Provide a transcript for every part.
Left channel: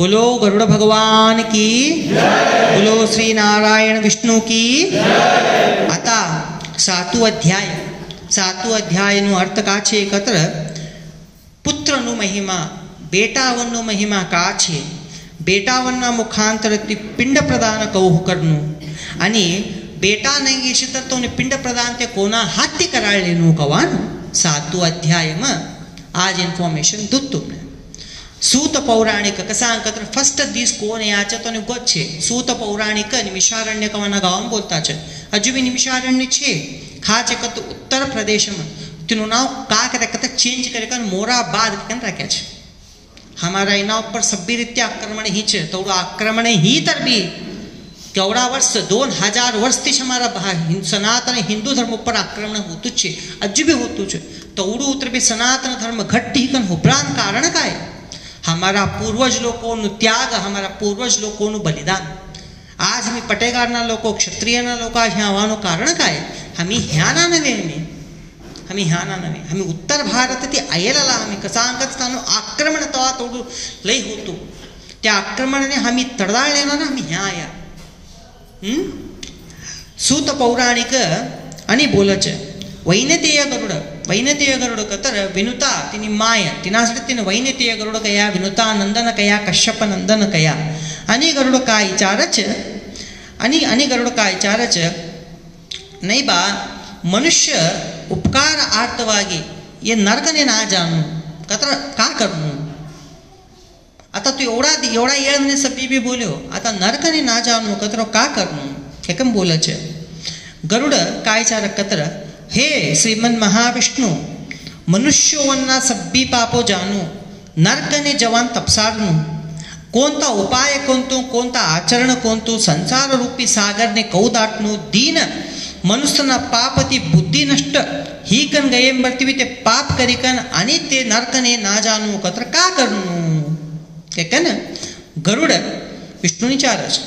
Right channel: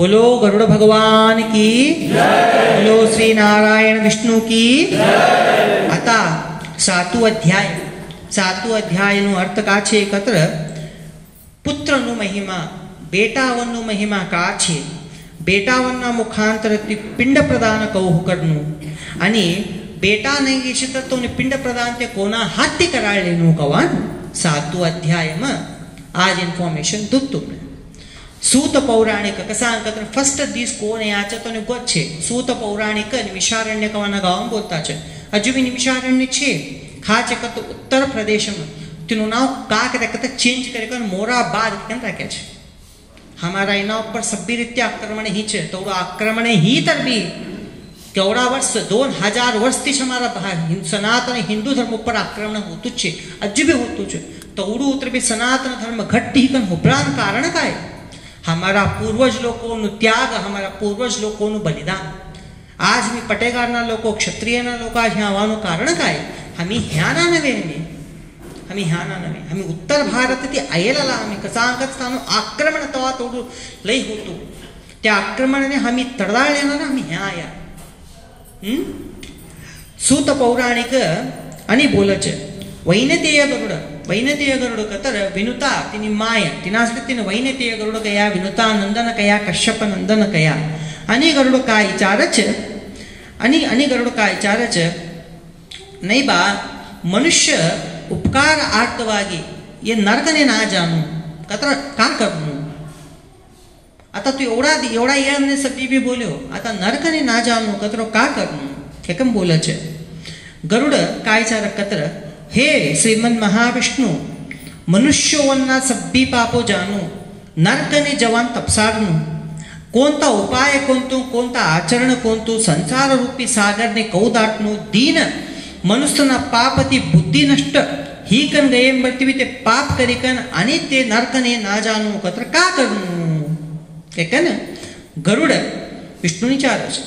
बोलो गरुड़ भगवान की बोलो श्री नारायण विष्णु की आता सातु अध्यायનો અર્થ કા છે કત્ર પુત્રનો મહિમા બેટાવનનો મહિમા કા છે બેટાવનના મુખાંતરથી પિંડ પ્રદાન કહું કરનું आणि बेटा नाही येशी तर तो पिंड प्रदान ते कोणा हाती कराळलेनु कवान सातु अध्यायમાં आज इन्फॉर्मेशन दूत तुमने सूत पौराणिक कसा अंकत्र फर्स्ट दिस कोण याच्या तो गोत छे सूत पौराणिक निमिषारण्य कवाना गावम बोलता छे हजू भी निमिषारण्य छे खाचे कत उत्तर प्रदेश में तिनु नाव का करकत चेंज करके मोराबाद केम राख्या छे हमारा इना ऊपर सभ्य रीत्या आक्रमण ही छे तो आक्रमण ही तर भी केवड़ा वर्ष 2000 वर्ष थी हमारा सनातन हिंदू धर्म ऊपर आक्रमण होतुच छे अजू भी होतुच छे तो उड़ू उतर भी सनातन धर्म घट्टी कन होबरान कारण काय हमारा पूर्वज लोगों त्याग हमारा पूर्वज लोगों बलिदान आज मी पटेगारना लोक क्षत्रियना लोक ह्या आवानो कारण काय आम्ही ह्याना नव्हे आम्ही उत्तर भारत ती आयेला आम्ही कसा अंकत स्थान आक्रमण तवा तोडू लई होतो त्या आक्रमणाने आम्ही तडदाळलेला ना आम्ही ह्या आया सूत पौराणिक आणि बोलच वैनतेय गरुड कतर विनुता तिनी माय तिनासाठी तिने वैनतेय गरुड कया विनुता नंदन कया कश्यप नंदन कया आणि गरुड काय विचारच आणि गरुड काय विचारच नाही बा मनुष्य उपकार आर्तवागी ये नरकने ना जाणू कतर का करू आता तू एवढा येणे सभी भी बोल्यो आता नरकने ना जाणू कतर का करू हे कम बोलच गरुड काय विचार कतर हे श्रीमन महाविष्णु मनुष्योवन्ना सब्बी पापो जानो नरकने जवान तपसारनु कोणता उपाय कोणता आचरण कोणतो संसार रूपी सागरने कौ दाटनु दीन मनुष्यना पापती बुद्धी नष्ट ही कन गयेम बर्तिवी ते पाप करिकन आणि ते नरकने ना जानो कत्र का करनु एकन गरुड विष्णुनी चारच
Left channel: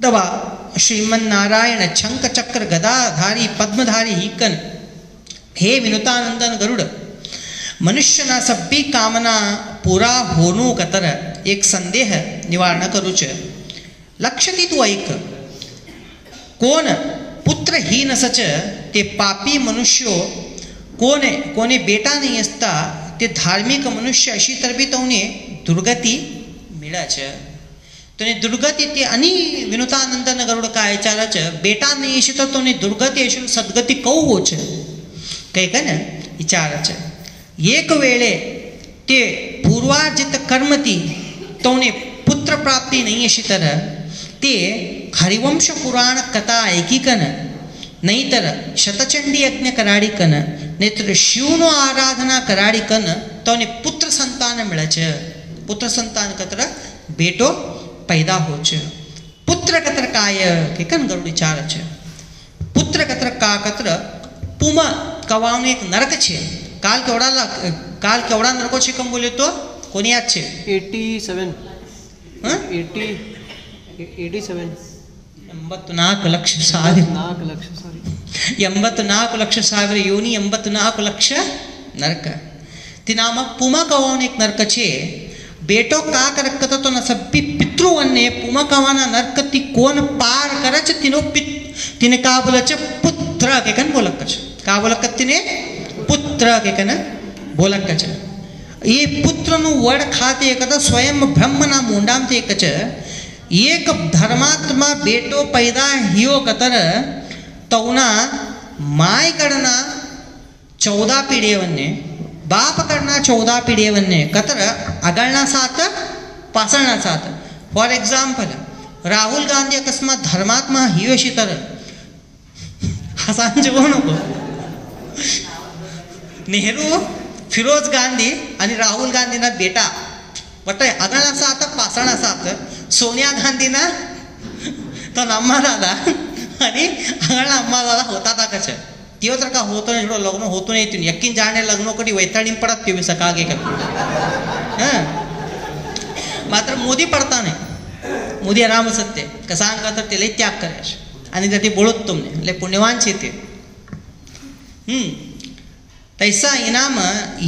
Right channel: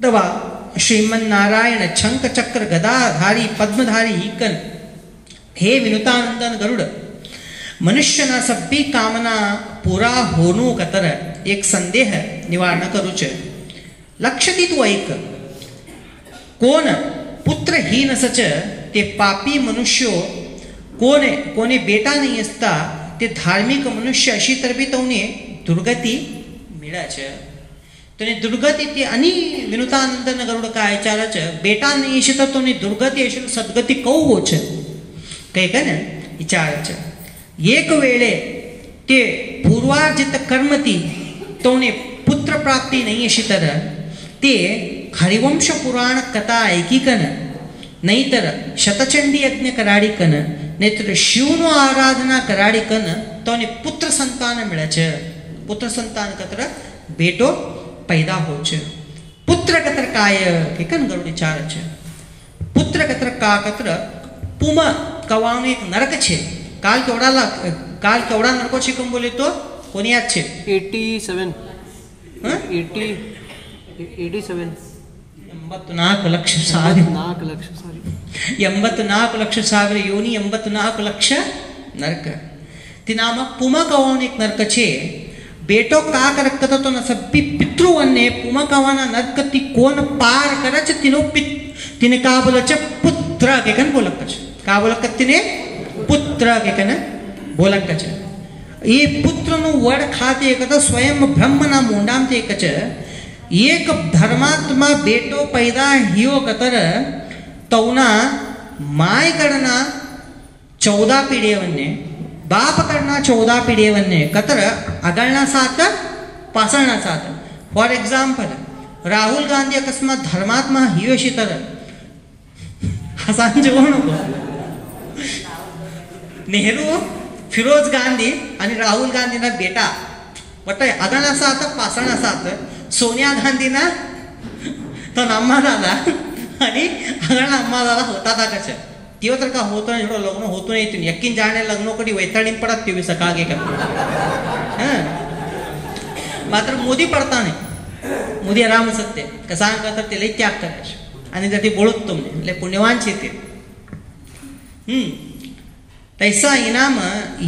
दवा श्रीमन नारायण शंख चक्र गदाधारी पद्मधारी हिकन हे विनुतानंदन गरुड मनुष्यना सब्बी कामना पूरा होनो कतर एक संदेह निवारण करूच लक्षती तू ऐक कोण पुत्रहीन सच ते पापी मनुष्यो कोणे बेटा नाही असता ते धार्मिक मनुष्य अशी तर बी तवने दुर्गती मिळाच तो दुर्गती ती आणि विनुतानंदन गरुड काय विचारच बेटा नाही इशित तो दुर्गती अशी सद्गती कौ होच काही का ना विचारच एक वेळे ते पूर्वार्जित कर्मती तोने पुत्र प्राप्ती नाही अशी तर ते हरिवंश पुराण कथा ऐकिकन नाहीतर शतचंडी यज्ञ कराडिकन नाहीतर शिवनो आराधना कराडिकन तोने पुत्र संतान मिळच पुत्र संतान कतर बेटो पैदा होच पुत्र कतर काय के कन गरुड विचारच पुत्र कतर का कतर पुम कवाने एक नरक छे काल केवड़ा नरको छे कम बोले तो कोनी याद छे 87 84 ಲಕ್ಷ ಸಾವಿರ 84 ಲಕ್ಷ ಸಾವಿರ ಯೋನಿ 84 ಲಕ್ಷ नरक तिनामा पुमा कवाने एक नरक छे बेटो का करकत तो न सब्बी पितृवन्ने पुमा कवाना नरक ती कोण पार करच तिने का बोलच पुत्र के कन बोलकच का बोलक तिने पुत्र के कन बोलकच ಈ ಪುತ್ರನು ವಡ ಖಾತೆ ಏಕದ ಸ್ವಯಂ ಬ್ರಹ್ಮನ मोंडाम ते एकच एक धर्मात्मा बेटो पैदा हियो कतर तवना माय कडना 14 पिढीवन्ने बाप कडना 14 पिढीवन्ने कतर अगळना सात पासळना सात फॉर एग्जांपल राहुल गांधी अकस्मात धर्मात्मा हियो अशी तर हसांजे नको नेहरू फिरोज गांधी आणि राहुल गांधीना बेटा वटाय अगळना सात पासळना सात सोनिया गांधीना तो अम्मा दादा आणि अगळना अम्मा दादा होता था कच तिव तर का होतो एवढं लग्न होतो नाही तुम्ही यक्कीन जाणे लग्न कधी वैतरणीन पडत तुम्ही सकाळगे का मात्र मोदी पडता नाही मोदी आराम सत्य कसा का तर ते लई त्याग करायचे आणि जर ते बोलत तुम्ही लय पुण्यवान छे ते तैसा इनाम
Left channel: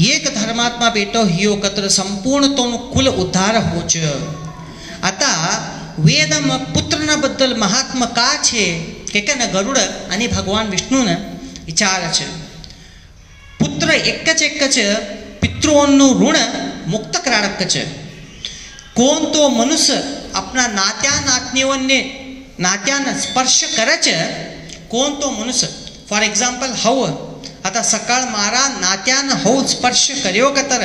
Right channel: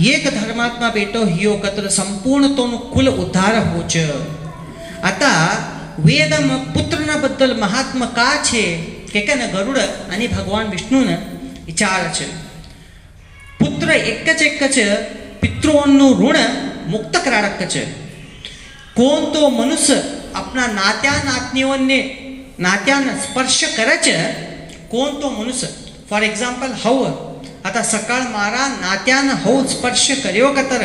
एक धर्मात्मा बेटो हियो कत्र संपूर्ण तो कुल उद्धार होच. आता वेद मग पुत्रना बद्दल महात्मा का छे के न गरुड आणि भगवान विष्णून विचार छे. पुत्र एकच पितृओंनु ऋण मुक्त कराडक छे. कोण तो मनुष्य अपना नात्यानं स्पर्श करच. कोण तो मनुष्य फॉर एक्झाम्पल हव आता सकाळ मारा नात्यानं हव स्पर्श कर्यो कतर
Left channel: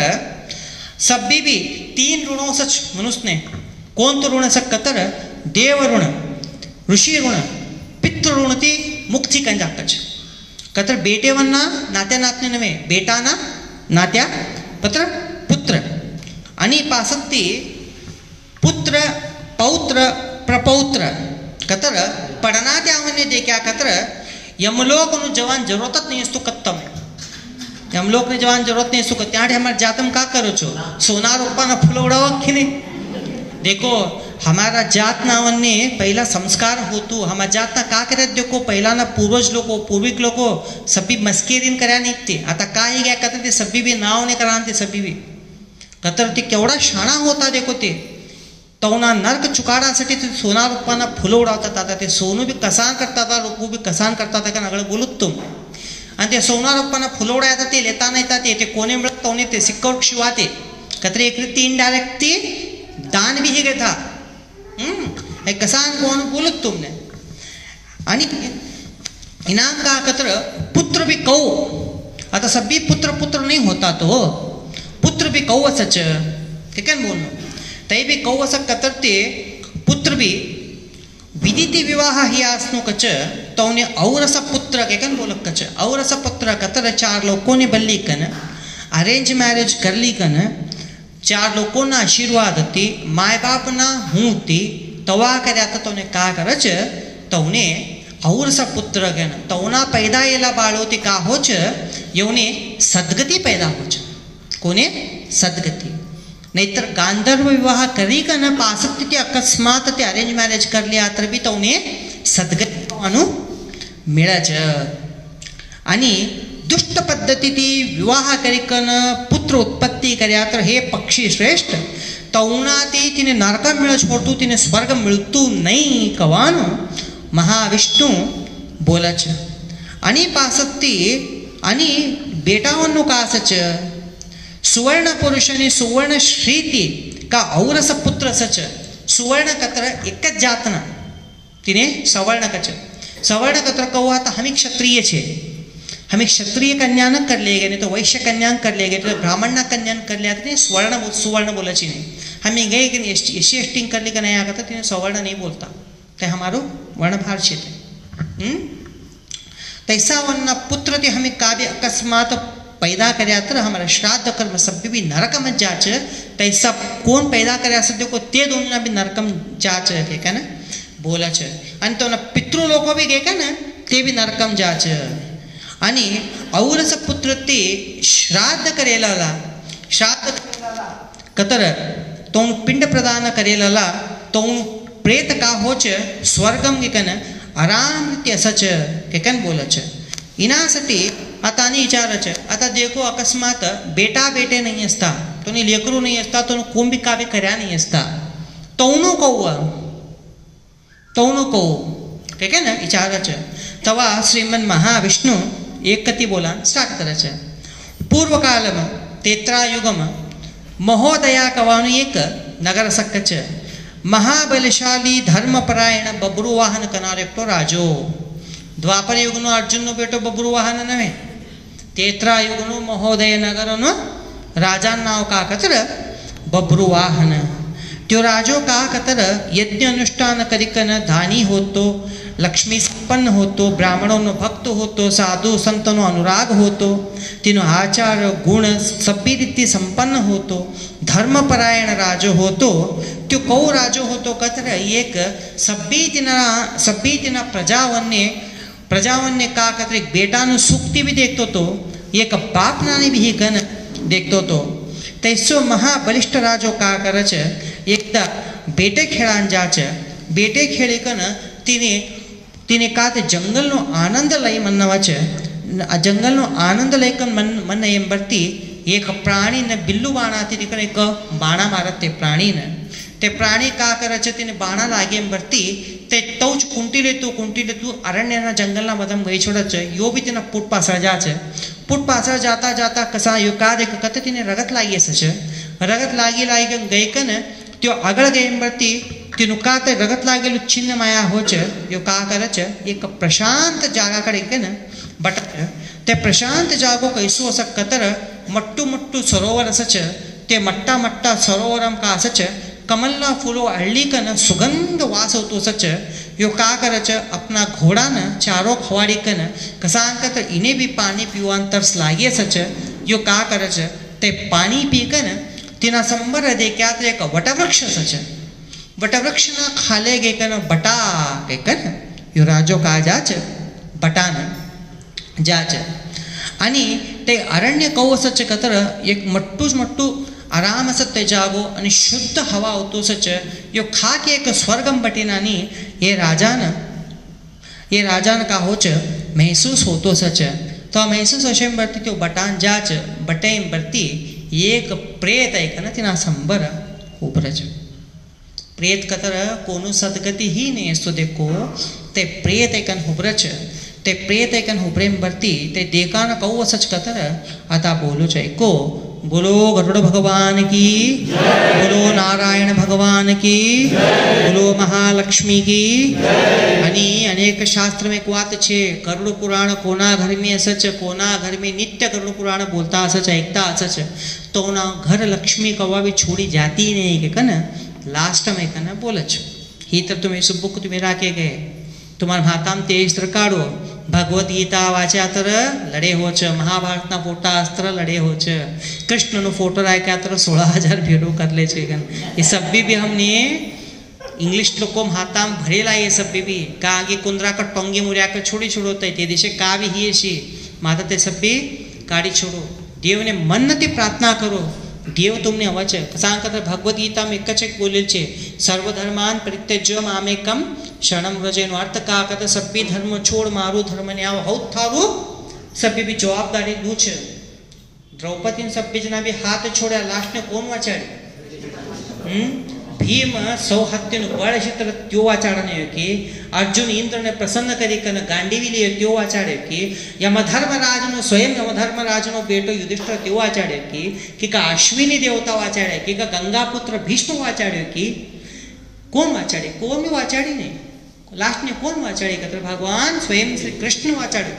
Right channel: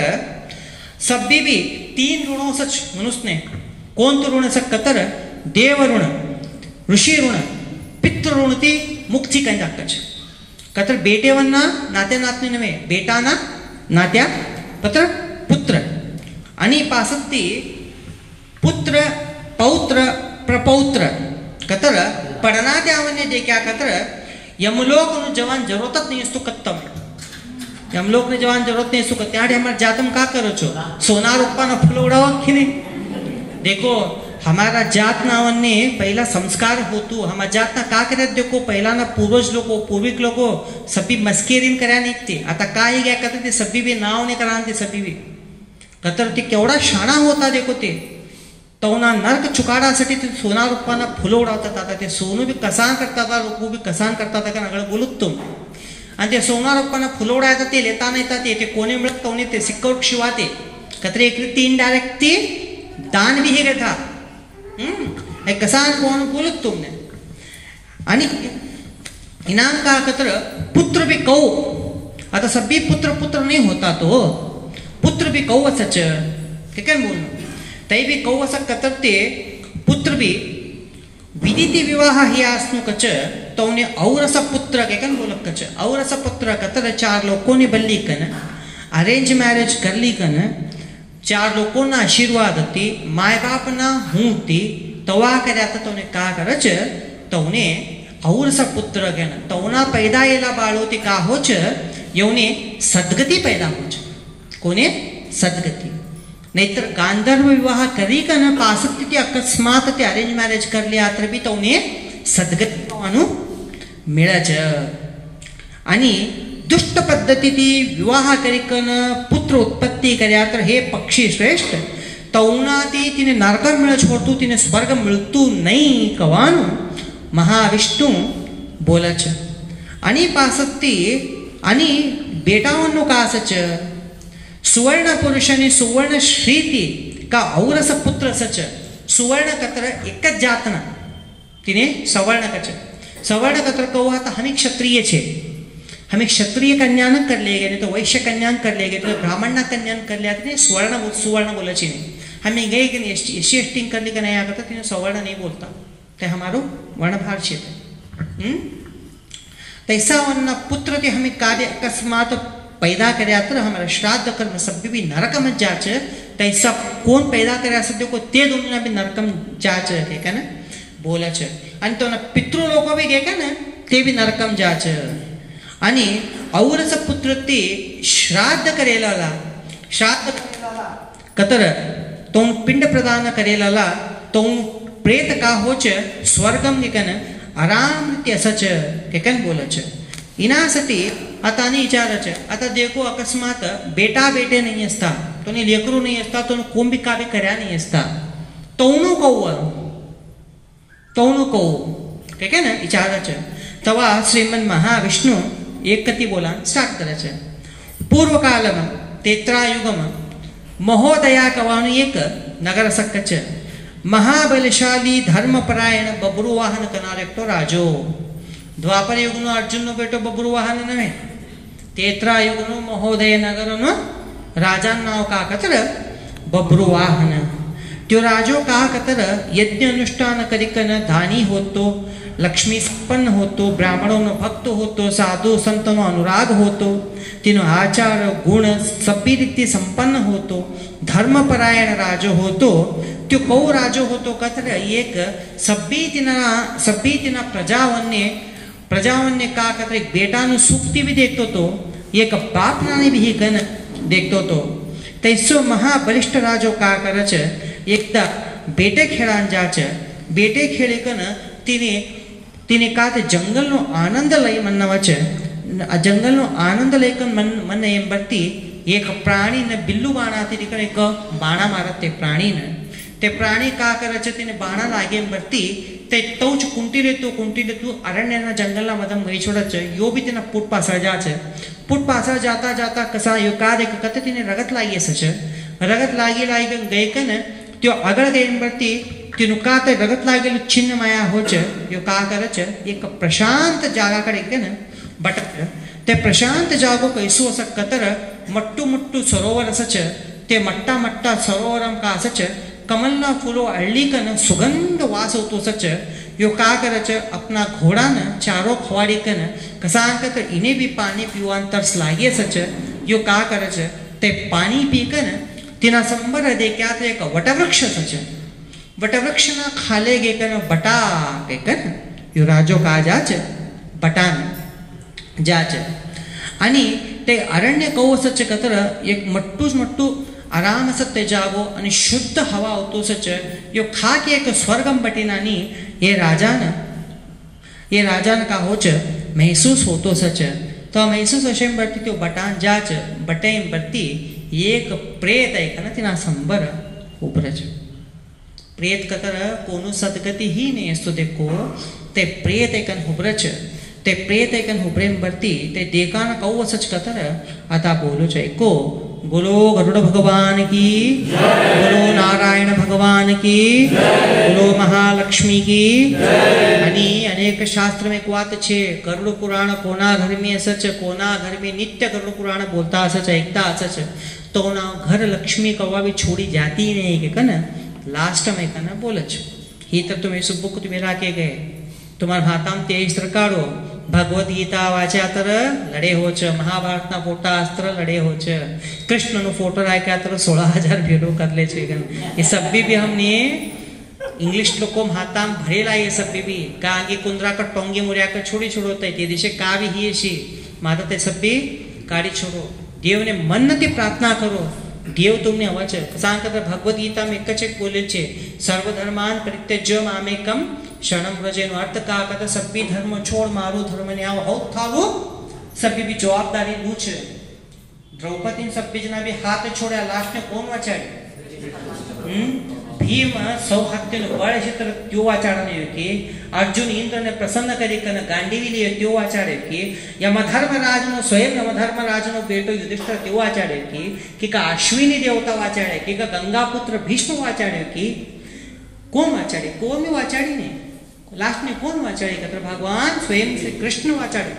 सभी भी 3 ऋणों सच मनुष्य ने. कोण तो ऋण सक कतर देव ऋण ऋषी ऋण पितृ ऋण ती मुक्ती कंजाकच. कतर बेटेवन्ना नात्या नातने नवे बेटाना नात्या पत्र पुत्र आणि पासत्ती पुत्र पौत्र प्रपौत्र कतर पढ़ना त्यावने देखा कतर यमलोक नु जवान जरूरत नहीं इसको कत्तम यमलोक ने जवान जरूरत नहीं इसको त्याडे हमार जातम का करो छो सोना रूपा ना फूल उड़ावा कि नहीं. देखो हमारा जात नावन्ने पहला संस्कार होतु हमारा जात ना का करत देखो पहिला ना पूर्वज लोको पूर्विक लोको सभी मस्केरीन कर्या निघते. आता काय गया कतर ते सभी भी नाव ने करांते सभी भी कतर ते केवढा शाणा होता देखो ते तवना नर्क चुकाडासाठी ते सोना रूपाना फुलं उडवतात. आता ते सोनू बी कसान करतात लोक बी कसान करतात का नगळ बोलत तुम आणि ते सोना रूपाना फुलं उडायचं ते लेता नाही ते कोणे मिळत तवने ते सिक्कौट शिवाते कतरे एक रीती इनडायरेक्ट ती दान भी हे था. हे कसान कोण बोलत तुमने आणि इनाम का कतर पुत्र भी कौ. आता सभी पुत्र नहीं होता तो पुत्र भी कौ सच ठीक है बोल तै भी कौ असं कतरते पुत्र भी विदिती विवाह ही आसनो कच तौने औरस पुत्र के कन बोलक कच औरस पुत्र कतर 4 लोगों ने बल्ली कन अरेंज मैरिज कर ली कन 4 लोगों ना आशीर्वाद ती माय बाप ना हूँ ती तवा कर्या तोने का करच तौने औरस पुत्र कन तौना पैदा येला बाळोती का होच यवने सद्गती पैदा होच. कोने सद्गती नाहीतर गांधर्व विवाह करी का न पासक्ती ती अकस्मात ते अरेंज मॅरेज करल्या तर बी तवने सद्गती अनु मिळाच. आणि दुष्ट पद्धती ती विवाह करिकन पुत्र उत्पत्ती कर्या तर हे पक्षी श्रेष्ठ तवना ती तिने नरक मिळ छोडतू तिने स्वर्ग मिळतू नाही कवान महाविष्णू बोलाच. आणि पासक्ती आणि बेटावन्नो कासच सुवर्ण पुरुषने सुवर्ण श्रीती का औरस पुत्र सच. सुवर्ण कत्र एक जातना तिने सवर्ण कच सवर्ण कत्र कहो आता हमें क्षत्रिय छे हमें क्षत्रिय कन्यान कर ले गए तो वैश्य कन्यान कर ले गए तो ब्राह्मण ना कन्यान कर लिया तो स्वर्ण सुवर्ण बोला छी नहीं. हमें गए कि एसी एस्टिंग करने का नहीं आता तिने सवर्ण नहीं बोलता ते हमारो वर्णभार छे. तैसा वन्ना पुत्र ते हमें कार्य अकस्मात पैदा कर्या तर हमारा श्राद्ध कर्म सभी भी नरक में जाच. तैसा कौन पैदा कर्या सद्य को ते दोनों भी नरकम जाच के का ना बोला छ. आणि तो ना पितृ लोक भी गे का ना ते भी नरकम जाच. आणि औरस पुत्र ते श्राद्ध करेला श्राद्ध कतर तो पिंड प्रदान करेला तो प्रेत का होच स्वर्गम के कन आराम ते सच के कन बोला छ. इनासाठी आता आणि विचाराच आता देखो अकस्मात बेटा बेटे नहीं असता तो लेकरू नहीं असता तो कुंभी काव्य कर्या नहीं असता तौनो कौ ठीक है ना विचाराच. तवा श्रीमन महाविष्णु एक कती बोला स्टार्ट कराच. पूर्व कालम तेत्रायुगम महोदया कवानु एक नगर सकच महाबलशाली धर्मपरायण बबरू वाहन कनारेक्टो राजो. द्वापर युगनो अर्जुन नो बेटो बबरू वाहन नवे तेत्रा युगनो महोदय नगरनो राजा नाव का कतर बबरू वाहन. त्यो राजो का कतर यज्ञ अनुष्ठान करिकन दानी होतो लक्ष्मी संपन्न होतो ब्राह्मणों नो भक्त होतो साधु संतनो अनुराग होतो तीनो आचार गुण सभी रीति संपन्न होतो धर्मपरायण राजो होतो. त्यो कौ राजो होतो कतर एक सभी तिना प्रजावन्य का कतर एक बेटा नु सुक्ति भी देखतो तो एक बाप नानी भी गण देखतो तो. तैसो महाबलिष्ठ राजो का करच एकदा बेटे खेळान जाच. बेटे खेळेकन तिने का ते जंगल नो आनंद लई म्हणवाच जंगल आनंद लेकर मन एम बरती एक प्राणी ने बिल्लू बाणाती एक बाणा मारत ते प्राणी ने ते प्राणी का करायचे तिने बाणा लागे बरती ते तौच कुंटी लेतू अरण्य जंगल मदम गई छोड़च यो भी तिना पुट पासा जाता जाता कसा यो का देख कते तिने रगत लागी सच रगत लागी गई कन त्यो अगळ गई बरती तिनु का ते रगत लागेलु छिन्न माया होच यो का करच एक प्रशांत जागा कडे कन बट ते प्रशांत जागो कैसो अस कतर मट्टू सरोवर सच ते मट्टा सरोवरम का सच कमलना फूलो अल्लीकन सुगंध वास होतो सच यो का करच अपना घोड़ा न चारो खवाड़ी कन कसांकत इन्हें भी पानी पीवान तरस लागे सच यो का करच ते पानी पीकन तिना संबर दे क्या ते एक वटवृक्ष सच वटवृक्ष ना खाले गे कन बटा के कन यो राजो का जाच बटान जाच आणि ते अरण्य कौ सच कतर एक मट्टू आराम सत्य जागो आणि शुद्ध हवा होतो सच यो खा के एक स्वर्गम बटीनानी ये राजान का होच महसूस होतो सच तो महसूस अशेम बरती त्यो बटान जाच बटेम बरती एक प्रेत है ना तिना संबर उबरच प्रेत कतर कोनो सदगति ही नहीं असतो देखो ते प्रेत एकन हुबरच ते प्रेत एकन हुबरेम बरती ते देकान कौ सच कतर आता बोलो को बोलो गरुड़ भगवान की बोलो नारायण भगवान की बोलो महालक्ष्मी की आणि अनेक शास्त्र में कुआत छे गरुड़ पुराण कोना घर में सच कोना घर में नित्य गरुड़ पुराण बोलता सच एकता सच तो ना घर लक्ष्मी कवा भी छोड़ी जाती नहीं के कन लास्ट में कन बोलच ही तर तुम्हें सुबुक तुम्हें राखे गए तुम्हार भाताम तेज तर काढो भगवत गीता वाचा तर लड़े हो छ महाभारत ना फोटा अस्त्र लड़े हो छ कृष्ण नो फोटो राख्या तर 16,000 भेड़ो कर ले छे ये सब भी हमने इंग्लिश लोको हाताम भरेला ये सब भी का आगे कुंद्रा का टोंगे मुर्या का छोड़ी छोड़ोते ते दिशे का भी ही शी माता ते सब भी गाड़ी छोड़ो देव ने मन ते प्रार्थना करो देव तुमने अवच सांकत भगवत गीता में कच बोले छे सर्वधर्मान परित्यज्य मामेकम शरणम व्रजेनो अर्थ का कत सभी धर्म छोड़ मारो धर्म ने आव हौत थारो सभी भी जवाबदारी लू छे द्रौपदी सभी जना भी हाथ छोड़ा लास्ट ने कोण वाचाड़ी भीम सौहात्य बळ क्षेत्र त्यो वाचाड़ने कि अर्जुन इंद्र ने प्रसन्न करी कन गांडीवी लिए त्यो वाचाड़े कि यमधर्मराज नो स्वयं यमधर्मराज नो बेटो युधिष्ठिर त्यो वाचाड़े कि का अश्विनी देवता वाचाड़े कि का गंगा पुत्र भीष्म वाचाड़े कि कोण वाचाड़े कोण में वाचाड़ी नहीं लास्ट ने कोण वाचाड़ी कतर भगवान स्वयं श्री कृष्ण वाचाड़े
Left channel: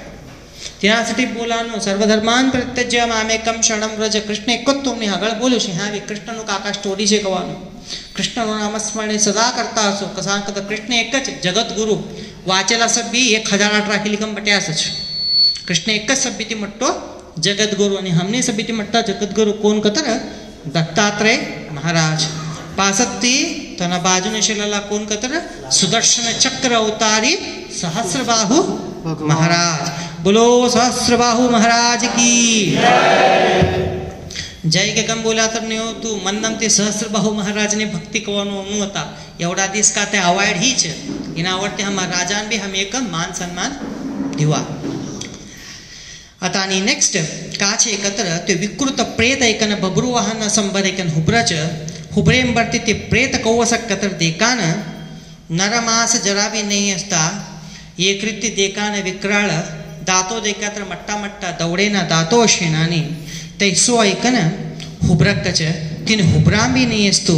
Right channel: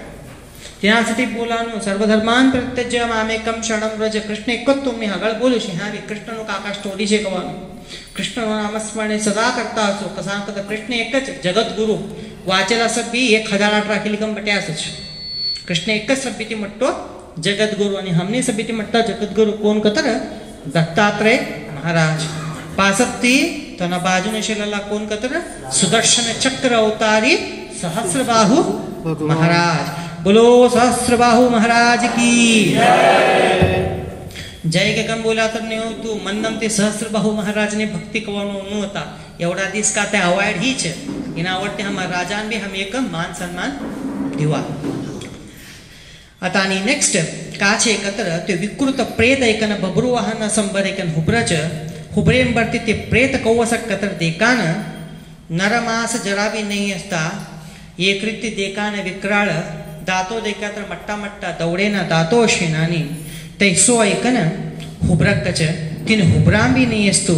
त्यासाठी बोलानो सर्वधर्मान परित्यज्य मामेकम शरणम व्रज कृष्ण एक तुमने આગળ બોલ્યું છે હા કૃષ્ણ નું કાકા સ્ટોરી છે કહેવાનું कृष्ण नामस्मरणे सदा करता असो कसांकत कृष्ण एक जगत गुरु वाचेला सभी 1008 राखी लिखम बट्यास कृष्ण एक सभ्यती मट्टो जगत गुरु आणि हमने सभ्यती मट्टा जगत गुरु कोण कतर दत्तात्रेय महाराज पासत्ती तना बाजूने शिलाला कोण कतर सुदर्शन चक्र अवतारी सहस्रबाहु महाराज बोलो सहस्रबाहु महाराज की जय के कम बोला तर नहीं हो तू मन्नम ते सहस्रबाहु महाराज ने भक्ति कवनो होता एवढा दिस का ते अवॉइड ही छे इना आवडते हम राजान भी हम एक मान सम्मान दिवा आता आणि नेक्स्ट का छे कतर ते विकृत प्रेत एकन बबरू वाहन संबर एकन हुबरच हुबरेम बरती ते प्रेत कौवसक कतर देकान नरमास जरा भी नहीं असता एक रीति देकान विक्राळ दातो देकातर मट्टा मट्टा दौडेना दातो शेनानी तैसो ऐकन हुबरकच तिन हुबराम भी नहीं असतो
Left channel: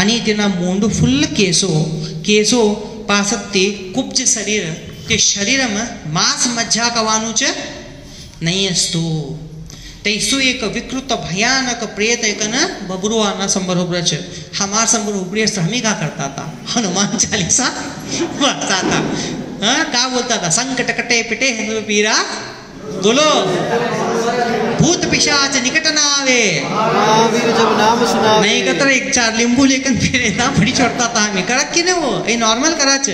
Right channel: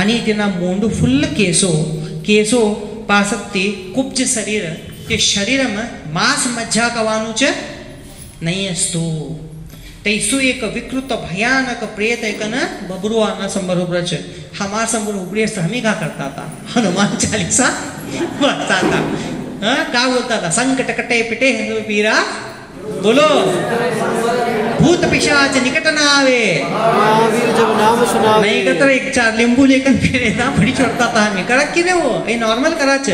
आणि तिना मोंडू फुल्ल केसो पासत्ती कुब्ज शरीर ते शरीरम मांस मज्जा कवानु च नहीं असतो तैसो एक विकृत भयानक प्रेत एकन बबरुआना संबर हुबरच हमार संबर हुबरेस हमें क्या करता था हनुमान चालीसा बताता था हाँ क्या बोलता था संकट कटे पिटे हिंदू पीरा बोलो भूत पिशाच निकट ना आवे महावीर जब नाम सुनावे नहीं कतर एक 4 लींबू लेकर फिरे ना बड़ी छोड़ता था हमें करा कि नहीं वो ये नॉर्मल कराच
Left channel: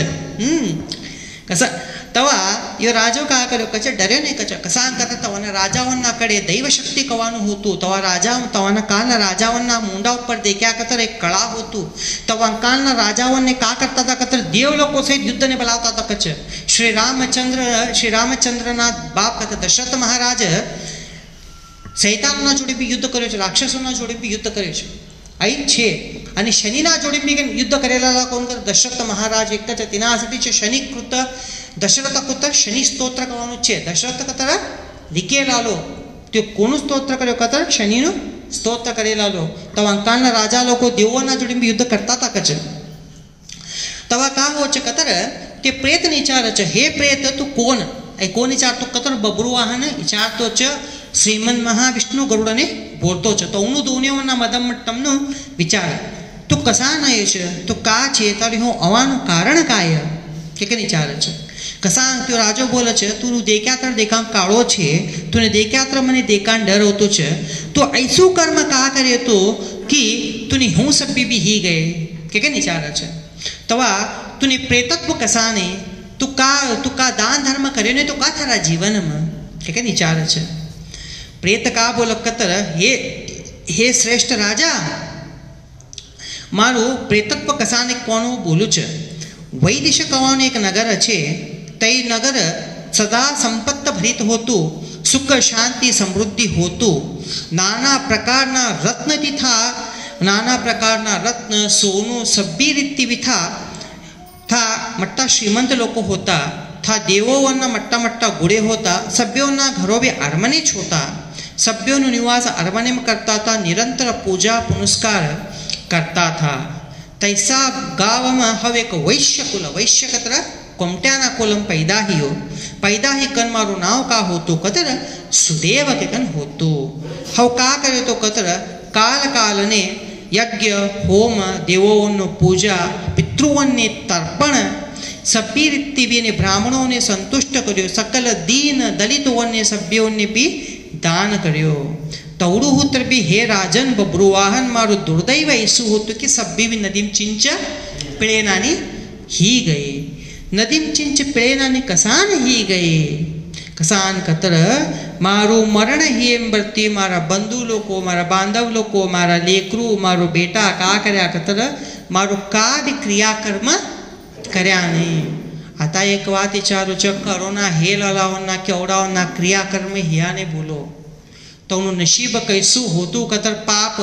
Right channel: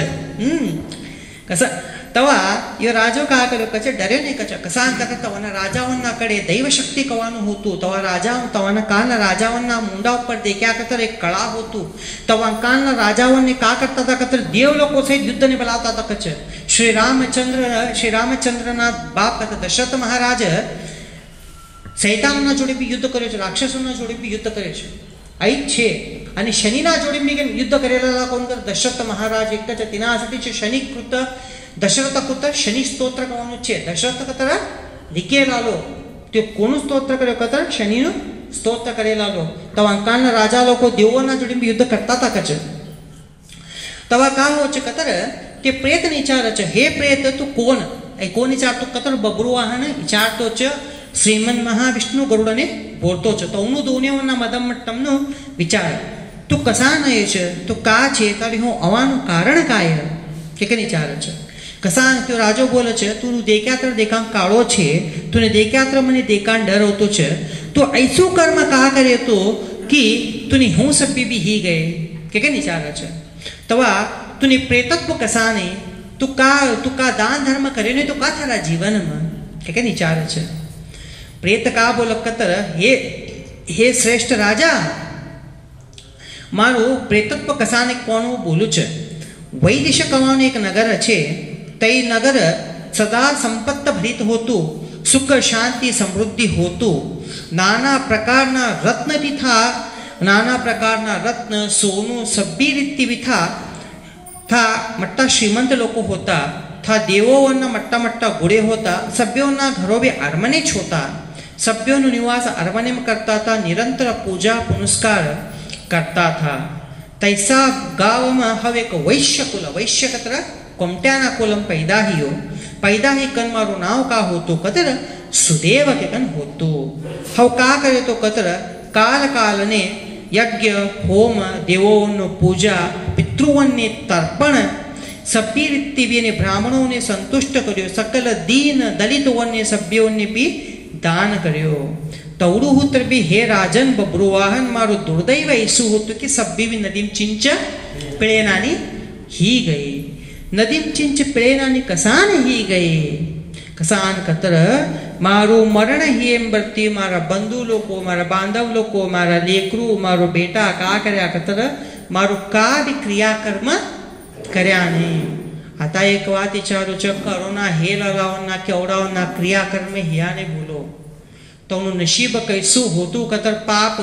कसा तेव्हा यो राजो का कर्यो कचे डर्यो नहीं कचे कसा करता तवाना राजावन्ना कड़े दैव शक्ति कवानु होतु तवा राजा तवाना कान राजावन्ना मुंडा ऊपर देख्या कतर एक कड़ा होतु तवा कान राजावन्ने का करता था कतर देव लोगों से युद्ध ने बुलाता था कचे श्री रामचंद्र ना बाप कथा दशरथ महाराज सैतानना जोडे बी युद्ध कर्यो छे राक्षसोना जोडे बी युद्ध कर्यो छे आई छे आणि शनीना जोडे बी युद्ध करेला कोण कर दशरथ महाराज एक च तिनासाठी छे शनिकृत दशरथ कृत शनि स्तोत्र करવાનું છે દશરથ કતર લીકેલાલો તે કોનું સ્તોત્ર કર્યો કતર શનિનું स्तोत्र करेलालो तो अंकालना राजा लोको देवोना जोडी युद्ध करता था कच तवा का हो च कतर ते प्रेत विचार च हे प्रेत तू कोण ए कोण विचार तो कतर बबरू वाहन विचार तो च श्रीमन महाविष्णु गरुडने बोलतो च तो उनु दोन्योना मदमट्टमनो विचार तू कसा नयेश तू का छे तरी हूँ अवानु कारण काय के विचार च कसा तो राजो बोले छे तू देख्यात्र देखा काळो छे तूने देख्यात्र मने देखा डर होतो छे तो ऐसो कर्म का करे तो कि तूने हूँ सब भी ही गए के विचार छे तवा तूने प्रेतत्व कसा ने तू का दान धर्म करे ने तो का थारा जीवन में के विचार छे प्रेत का बोल कतर हे श्रेष्ठ राजा मारो प्रेतत्व कसा ने कोण बोलू छे वैदिश कवान एक नगर छे ते नगर सदा संपत्त भरित होतु सुख शांति समृद्धि होतु नाना प्रकारना रत्न भी था नाना प्रकारना रत्न सोनू सभी रीति भी था मट्टा श्रीमंत लोग होता था देवोना मट्टा मट्टा गुड़े होता सभ्यों घरों भी अरमने होता सभ्यों निवास अरमने में करता था निरंतर पूजा पुनस्कार करता था तैसा गांव में हवे एक वैश्य कतरा कोमट्याना कोलम पैदा ही कन मारो नाव का होतो कतर सुदेव के कन होतो हव का करे तो कतर काल कालने यज्ञ होम देवों पूजा पितृओं ने तर्पण सभी रीति ने ब्राह्मणों ने संतुष्ट कर्यो सकल दीन दलितों ने सभ्यों ने भी दान कर्यो तवड़ू हुतर भी हे राजन बब्रुवाहन मारो दुर्दैव ऐसु होतो कि सभी भी नदीम चिंच पिळेनानी ही गए नदीम चिंच पिळेनानी कसान ही गए कसान कतर मारो मरण ही एम बरती मारा बंधु लोको मारा बांधव लोको मारा लेकरू मारो बेटा का कर्या कतर मारो का भी क्रियाकर्म कर्या नहीं आता एक बात विचारू च करोना हे लावना केवडावना क्रियाकर्म हियाने बोलो तो नशीब कैसु होतु कतर पाप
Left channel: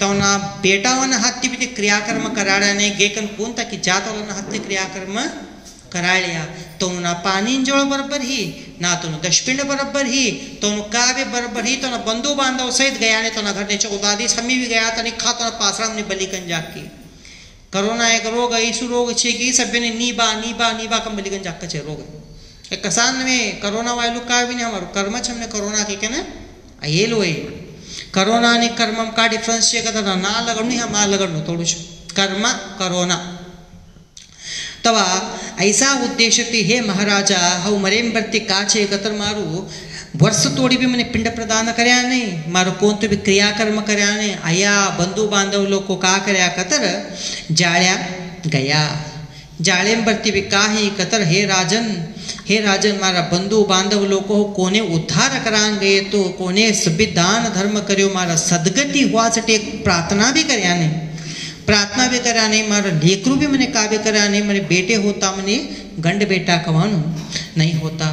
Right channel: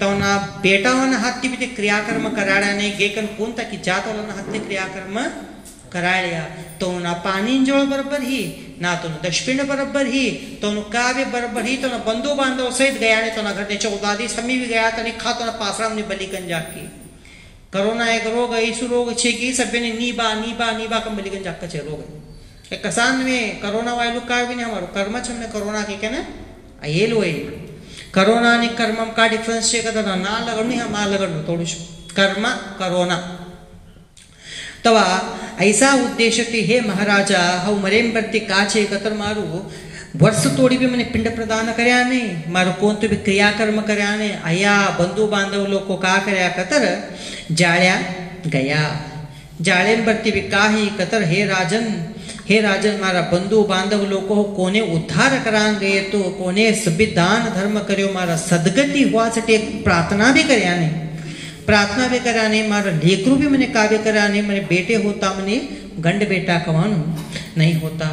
तवना बेटावना हाथी भी क्रियाकर्म कराड्या नहीं गेकन कोण की जात वाला हाथी क्रियाकर्म कराया तो ना पानी जोड़ बराबर ही ना तो दशपिंड बराबर ही तो काव्य बराबर ही तो ना बंधु बांधव सहित गया ने तो ना घर ने 14 दिन समी भी गया तो नहीं खा तो ना पासराम ने बलिकन जाके कोरोना एक रोग ऐसु रोग छे कि सभ्य ने नीबा कम बलिकन जाके छे रोग कसान में कोरोना वायु का भी नहीं हमारो कर्म छे हमने कोरोना के कहना ये लो है कोरोना ने कर्म का डिफरेंस छे कदा ना लगणु हम ना लगणु थोड़ू कर्म कोरोना तवा ऐसा उद्देश्य थे हे महाराजा हव मरेम बरती काचे कतर मारू वर्ष तोड़ी भी मैंने पिंड प्रदान कर्या नहीं मारो कौन तो भी क्रियाकर्म कर्या नहीं आया बंधु बांधव लोग को का कर्या कतर जाया गया जाड़े बरती भी का ही कतर हे राजन मारा बंधु बांधव लोग को कोने उद्धार करान गए तो कोने सभी दान धर्म कर्यो मारा सदगति हुआ सटे प्रार्थना भी कर्या नहीं प्रार्थना भी करा नहीं मारा लेकरू भी मैंने काव्य करा नहीं मैंने बेटे होता मैंने गंड बेटा कवानु नहीं होता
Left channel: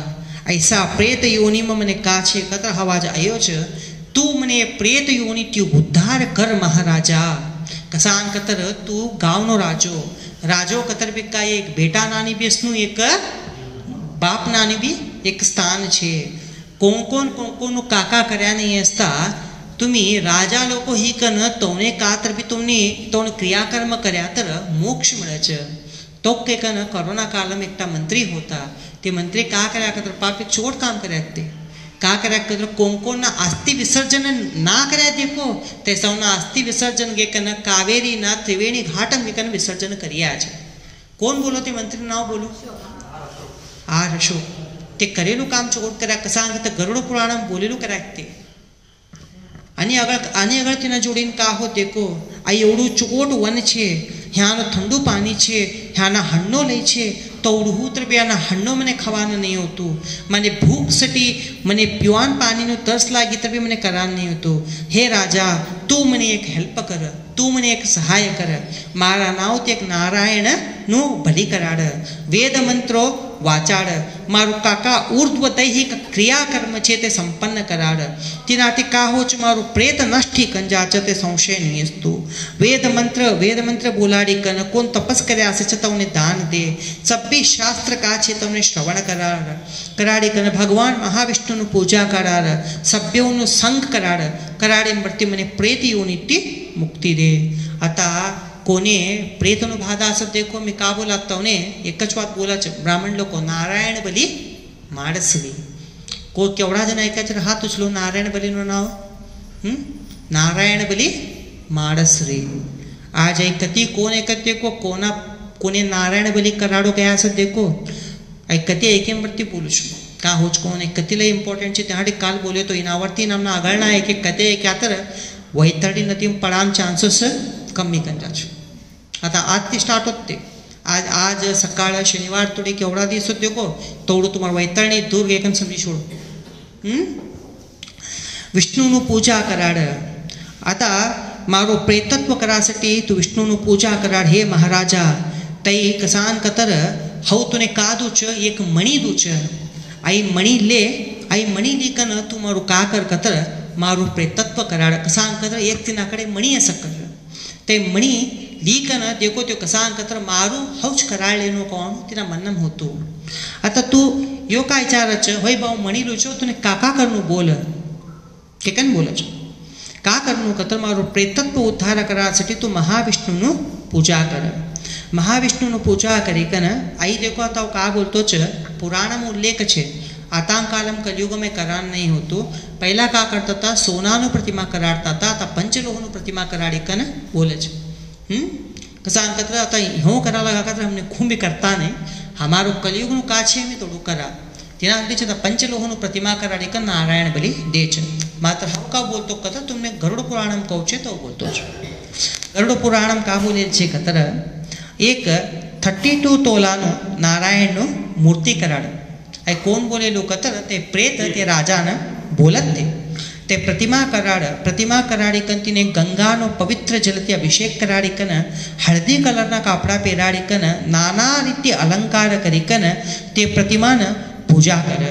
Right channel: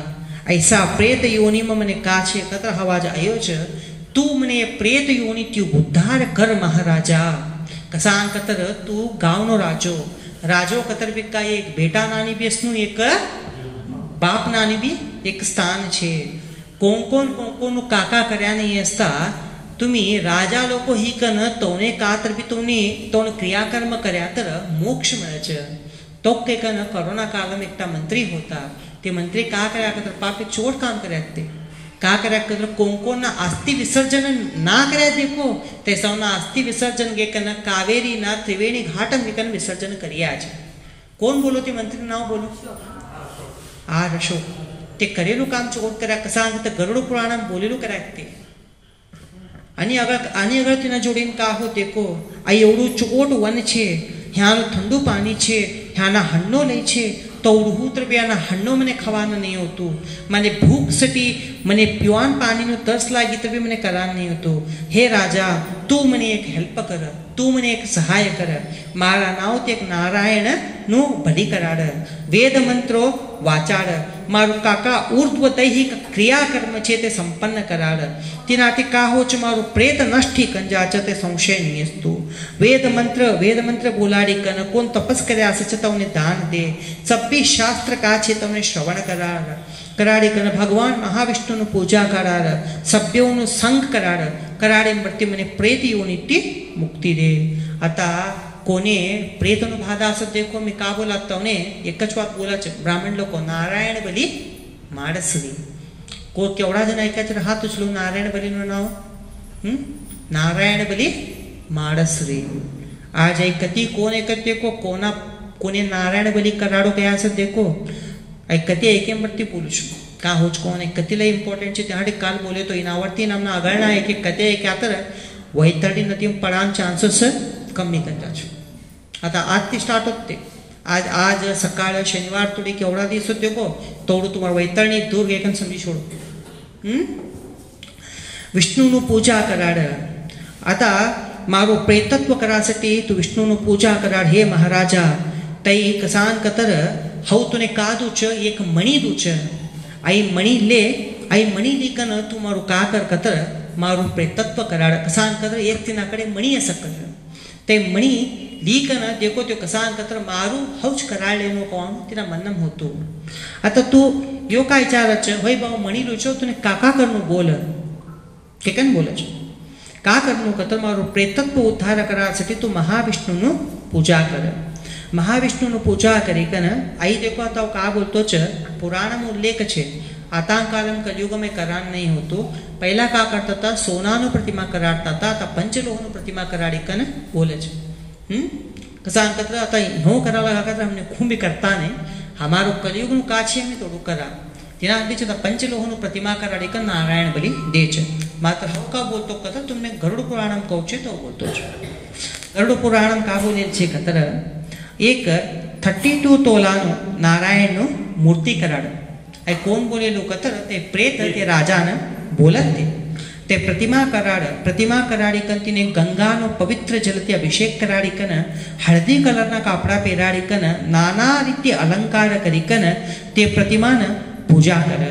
ऐसा प्रेत योनि में मैंने काछे कतर हवाज आयो छ तू मैंने प्रेत योनि त्यू उद्धार कर महाराजा कसान कतर तू गाँव राजो कतर भी का एक बेटा नानी भी इसनु एक बाप नानी भी एक स्थान छे कोण काका कर्या नहीं असता तुम्ही राजा लोक ही कन तोने का तर भी तुम्ही तोन क्रियाकर्म कर्या तर मोक्ष मिळे तो के कन कोरोना काल में एकटा मंत्री होता ते मंत्री का कर्या तर पापे चोट काम कर्या ते का कर्या तर कोण ना अस्थि विसर्जन ना कर्या देखो ते सौना अस्थि विसर्जन गे कन कावेरी ना त्रिवेणी घाट में कन विसर्जन कर्या छे कोण बोलो ते मंत्री नाव बोलो आर अशोक ते करेलू काम चोट कर्या कसा ते गरुड पुराण बोलेलू कर्या ते आणि अगर तिने जोडीन का हो देखो आ एवढू चोट वन छे ह्याનું ઠંડુ પાણી છે, ह्याના હಣ್ಣો લે છે, તો ઉડહૂત્ર બેના હಣ್ಣો મને ખાવાનું નહીં હોતું. મને ભૂખ સટી, મને પીવાન પાણીનું તરસ લાગી તો બી મને કરવાનું નહીં હોતું. હે રાજા, તું મને એક હેલ્પ કર, તું મને એક સહાય કર. મારા નાવથી એક નારાયણનું બલિ કરાડ, વેદ મંત્રો વાચાડ, મારું કાકા ઉર્ધ્વ દૈહિક ક્રિયાકર્મ છે તે સંપન્ન કરાડ. તેનાથી કાહો છે મારું પ્રેત નષ્ટી કંજાચ તે સંશય નહીં અસ્તુ. વેદ મંત્ર બોલાડી કન કોણ તપસ કર્યા છે તમને દાન દે. સભ્ય શાસ્ત્ર કા છે તમને શ્રવણ કરાડી કન ભગવાન મહાવિષ્ણુનું પૂજા કરાડ, સભ્યોનું સંગ કરાડી મૃત્યુ મને પ્રેત યોનિથી મુક્તિ દે. आता कोने प्रेतनु भादास देखो मी का बोलाता हूँ एक बात बोला ब्राह्मण लोग नारायण बली माडसरी को केवड़ा जन ऐकायचं हात उचलो नारायण बली नो नाव नारायण बली माडसरी. आज ऐकती कोण ऐकत देखो कोने नारायण बली कराडो क्या असं देखो ऐकती ऐके मृत्यू बोलू शकतो का होच कोण ऐकतीला इम्पॉर्टंट છે त्यासाठी काल बोले तो इनावरती नामना आगळना एक कते क्या तर वैतरणी नदी पडान चान्सेस कमी करतात. आता आज ती स्टार्ट होते. आज सकाळ शनिवार थोडी केवढा दिवस होते को तोडू तुम्हाला वैतरणी दूर एकन समजी सोडो. विष्णुનું પૂજા કરાડ. आता मारो प्रेतत्व करासाठी तू विष्णुનું पूजा कराड. हे महाराजा तई कसान कतर हव तुने का दूच एक मणी दूच आई मणी ले आई मणी लेकन तू मारू का कर कतर मारू प्रेतत्व कराड. कसान कतर एक तिनाकडे मणी असं कर ते मणी लीकन देखो तो कसान कतर मारू हौच कराळलेनो कोण तिना मन्नम होतो. आता तू यो काय विचारच होय भाऊ मणी लुचो तुने काका करनु बोल के कन बोलच का करनु कतर मारू प्रेतत्व उद्धार करासाठी तू महाविष्णुનું पूजा कर. महाविष्णुનું पूजा करी कन आई देखो आता का बोलतो च पुराणम उल्लेख छे. आता कालम कलयुग में करान नहीं होतो. पहला का करता था सोनानु प्रतिमा कराड़ता था. आता पंचलोहनु प्रतिमा कराड़ी कन बोले छे. कसान कतर आता ह्यो करावा का हमने खूब करता नहीं हमारो कलयुगनु का छे मी तोडू करा तेना માટે છે पंचलोहनु प्रतिमा कराड़ी कन नारायण बलि दे छे. मात्र हम का बोलतो कथा तुमने गरुड़ पुराणम कहू छे तो बोलतो छे. गरुड़ पुराणम का बोले छे कतर एक 32 तोलानु नारायणनु मूर्ति कराड. आई कोण बोलेलो कतर ते प्रेत ते राजाने बोलत ते प्रतिमा कराड़ी कन तिने गंगानो पवित्र जलથી अभिषेक कराड़ी कन हळदी कलरना कापड़ा પહેરાડી कन नाना रीति अलंकार करी कन ते प्रतिमाने पूजा कर.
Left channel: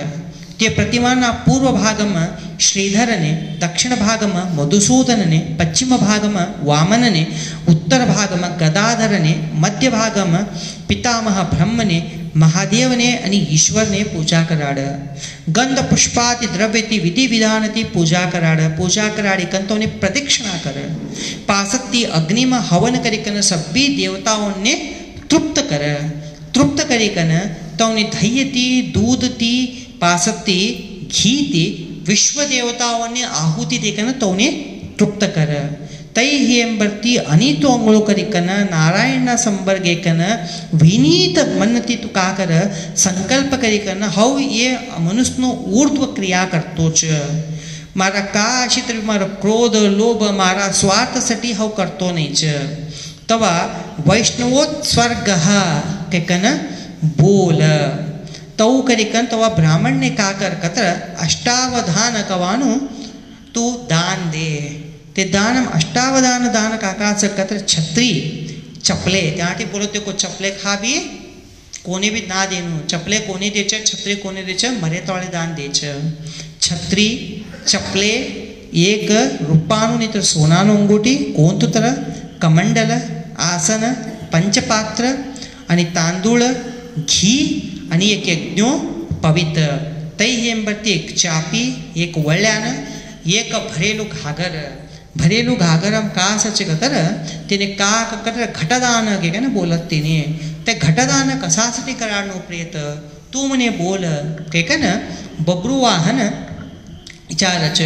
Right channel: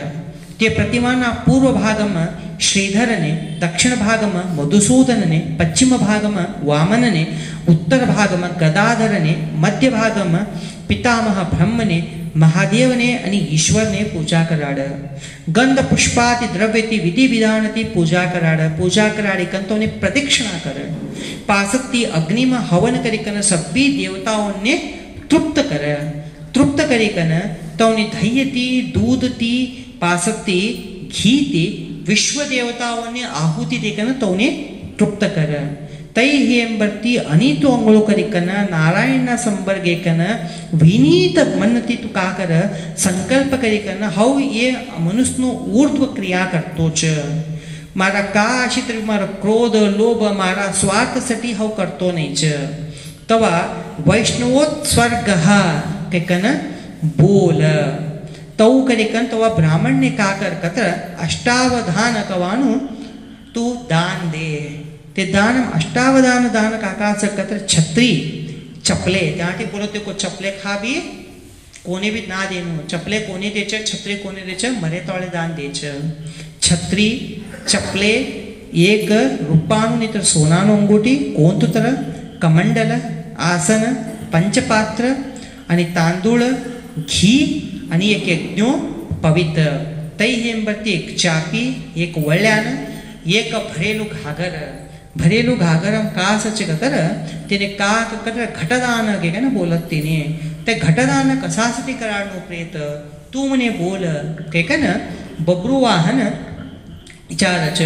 ते प्रतिमाना पूर्व भागમાં श्रीधरने, दक्षिण भागમાં मधुसूदनने, पश्चिम भागમાં वामनने, उत्तर भागમાં गदाधरने, मध्य भागમાં पितामह ब्रह्मने, महादेवने आणि ईश्वरने पूजा कराड. गंध पुष्पाति द्रव्यति विधि विधानति पूजा कराड. पूजा कराड़ी कंतोने प्रदक्षिणा कर. पासत्ती अग्नि में हवन करी कन सभी देवताओं ने तृप्त कर. तृप्त करी कन तौने धैयती दूधती पासत्ती घीती विश्व देवताओं ने आहुति देकन तौने तृप्त कर. तई हेंबर्ती अनीतो अंगळो करी कन नारायणना संबर्गे कन विनीत मनती तू का कर संकल्प करी कन हव ये मनुष्यनो ऊर्ध्व क्रिया करतो छ. मारा का आशित मारा क्रोध लोभ मारा स्वार्थसाठी हव करतो नहीं छ. तवा वैष्णवोत्सर्ग के कन बोल तव करी कन तवा ब्राह्मण ने का कर कतर अष्टावधान कवानु तू दान दे. ते दानम अष्टावधान दान काकाच कतर छत्री चपले त्यासाठी बोलते को चपले खावी कोने भी ना देनु. चपले कोने देच छत्री कोने देच मरे तोळे दान देच. छत्री चपले एक रूपानु नितर सोनानु अंगूठी कोंतुतर कमंडल आसन पंचपात्र आणि तांदूळ घी आणि एक यज्ञो पवित्र. तई हेंबर्ती एक चापी एक वळ्यान एक भरेलू घागरम का सच कतर तिने का कतर घटदान के ना बोलत तिने ते घटदान कशासाठी कराडनो प्रेत तू मने बोल के ना बब्रुवाहन विचारच.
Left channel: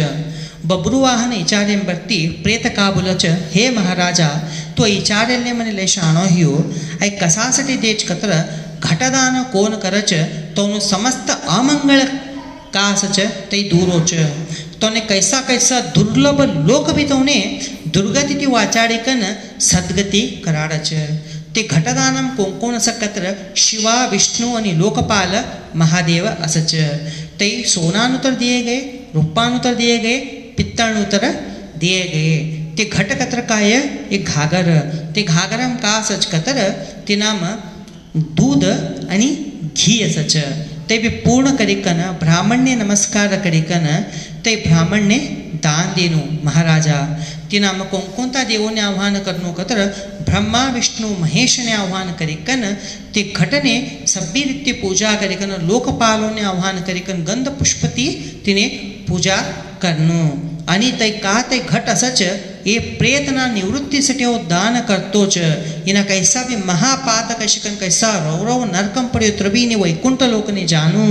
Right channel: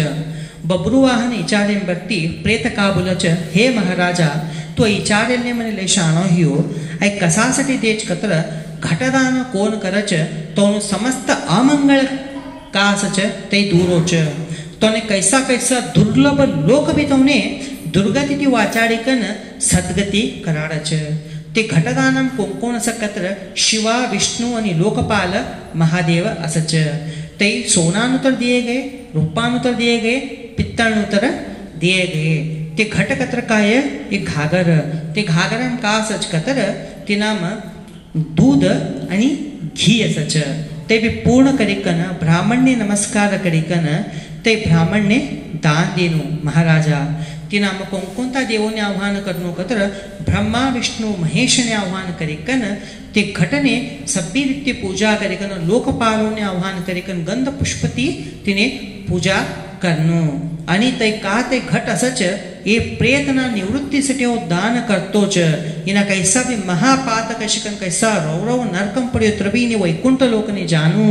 बब्रुवाहन विचारें बर्ती प्रेत का बोलच हे महाराजा तो विचारेलने मने लेशाणो हियो ऐ कशासाठी देच कतर घटदान कोण करच तो समस्त अमंगल का सच ते दूरोच तोने कैसा कैसा दुर्लभ लोक भी तोने दुर्गती ती वाचाडिकन सद्गती कराडच ते घटदानम कोण सकत्र शिवा विष्णु आणि लोकपाल महादेव असच ते सोनानुतर दिए गए रूपानुतर दिए गए पित्तानुतर दिए गए ते घट कत्र काय एक घागर ते घागरम का सच कतर ते नाम दूध आणि घी असच ते बी पूर्ण करिकन ब्राह्मणने नमस्कार करिकन ते ब्राह्मणने दान देनु महाराजा ते नाम कोणता देवोने आव्हान करनो कतर ब्रह्मा विष्णु महेशने आव्हान करिकन ते घटने सभी रीति पूजा करिकन लोकपालोने आव्हान करिकन गंध पुष्पती तिने पूजा करनो आणि ते का ते घट असच ये प्रेतना निवृत्तीसाठी दान करतोच इना कैसा भी महापातक शिकन कैसा रौरव नरकम पड्यो त्रबीने वैकुंठ लोकने जानू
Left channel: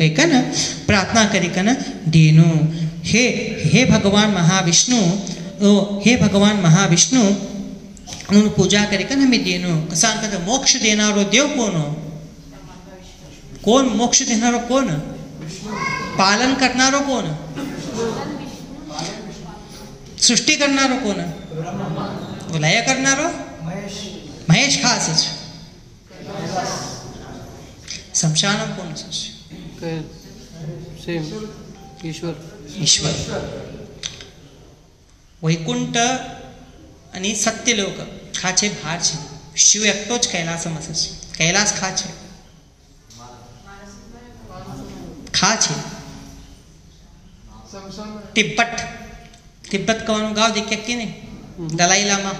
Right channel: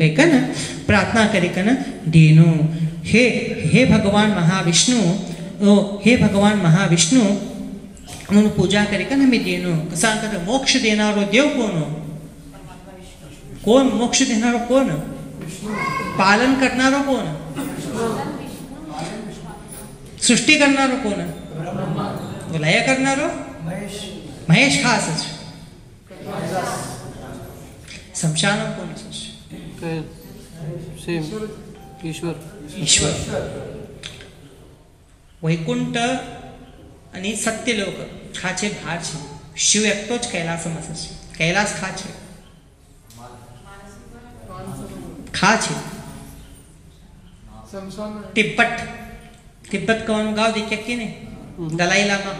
कैकन प्रार्थना करिकन देनु हे भगवान महाविष्णु हे भगवान महाविष्णु म्हणून पूजा करिकन हमें देनु कसा कहता मोक्ष देणारो देव कोण मोक्ष देणारो कोण पालन करणारो कोण सृष्टी करणारो कोण लय करणारो महेश खासच शमशान कोण ईश्वर वैकुंठ आणि सत्यलोक खाचे भार છે शिव एकटो જ कैलासમાં છે कैलास ખા છે तिब्बत કવાનું ગાવ દેખ્યા કે નહીં દલાઈ લામા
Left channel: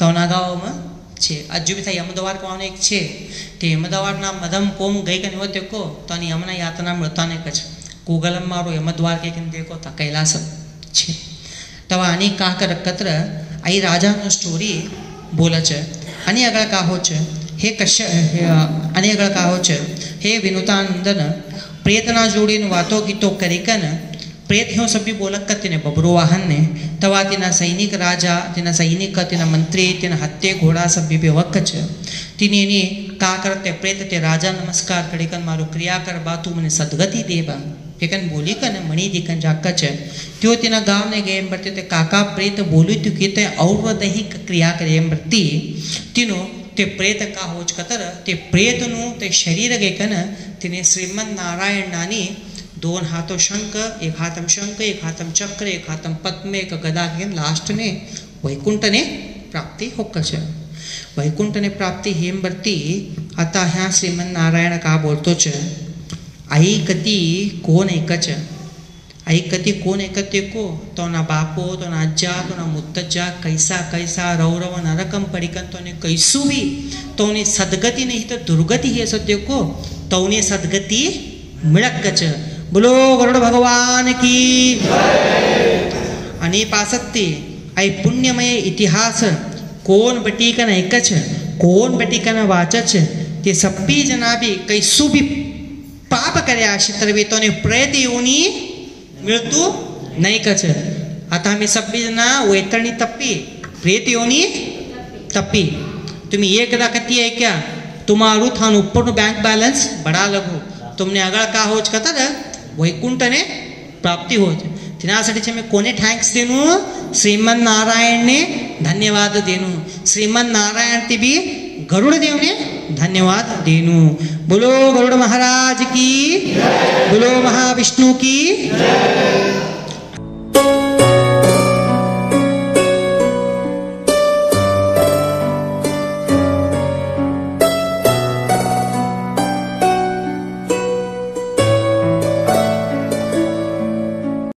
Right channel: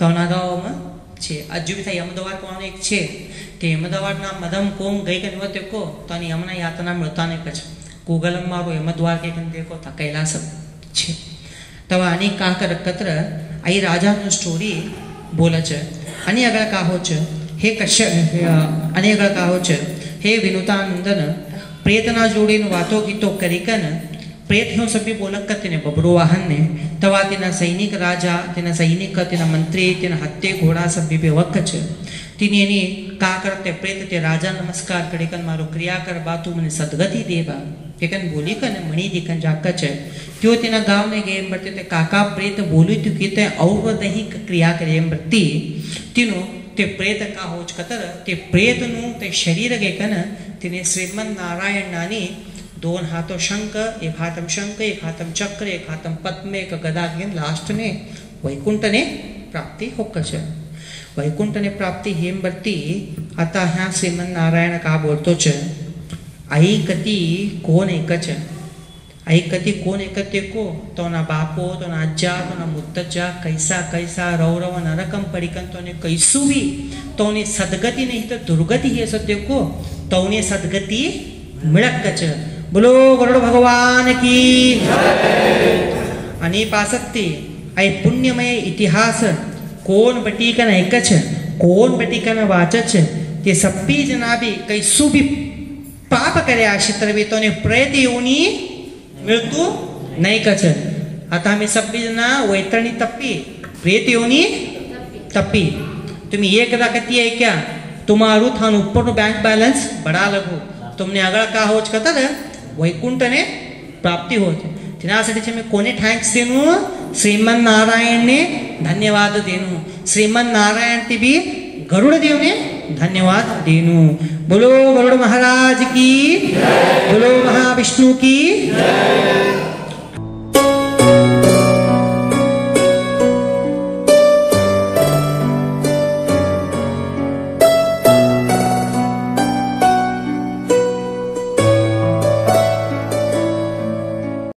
તોના ગાવમાં છે હજુ બી થાય અમદાવાદ કવાનું એક છે તે અમદાવાદના મધમ કોમ ગઈ કે નિવત દેખો તો આની યમના યાતના મળતા ને કચ ગૂગલ મારો અમદવાર કે દેખો તા કૈલાસ છે तवा आणि का कत्र आई राजा नो स्टोरी बोलच आणि अगळ का होच हे कश्य आणि अगळ का होच हे विनुतानंदन प्रेतना जोडीन वातो गीतो करिकन प्रेत ह्यो सभी बोलक कतिने बबरू वाहन ने तवा तिना सैनिक राजा तिना सैनिक तिना मंत्री तिना हत्ते घोड़ा सभी बेवकच तिने का करते प्रेत ते राजा नमस्कार करिकन मारो क्रिया कर बातू मने सद्गति देवा एकन बोली कन मणि दिकन जाकच त्यो तिना गाव ने गेम बरते ते काका प्रेत बोली तु कीते औरवदही क्रिया करे बरती तिनो ते प्रेत का होच कतर ते प्रेत नु ते शरीर गेकन तिने श्रीमन नारायण नानी दोन हाथों शंख एक हाथम शंख एक हाथम चक्र एक हाथम पद्म एक गदा घेन लास्ट ने वैकुंठ ने प्राप्ति होकच वैकुंठ ने प्राप्ति हेम बरती आता ह्या श्रीमन नारायण का बोलतो छ आई कती कोण एकच आई कती कोण एकते को तो ना बापो तो ना अज्जा तो ना मुत्तज्जा कैसा कैसा रौरव नरकम पडिकन तो ने कैसु भी तो ने सद्गति नहीं तो दुर्गति है सत्य को तो ने सद्गति मिळकच बोलो गरुड भगवान की आणि पासत्ती आई पुण्यमय इतिहास कोण बटीकन एकच कोण बटीकन वाचच ते सप्पी जना भी कैसु भी पाप करे आशित्रवी तो ने प्रेत योनी मृत्यू नहीं कच आता आम्ही सब्बी जना वैतरणी तप्पी प्रेत योनी तप्पी तुम्ही एकदा कती आहे क्या तुम्हारू थान ऊपर बैंक बैलेंस बढ़ा लगो तुमने अगळ का होच कतर वैकुंठ ने प्राप्ति होच तिनासाठी मी कोणी थँक्स देनु श्रीमन नारायण ने धन्यवाद देनु श्रीमन नारायण ती भी गरुड़ देव ने धन्यवाद देनु बोलो गरुड़ महाराज की बोलो महाविष्णु की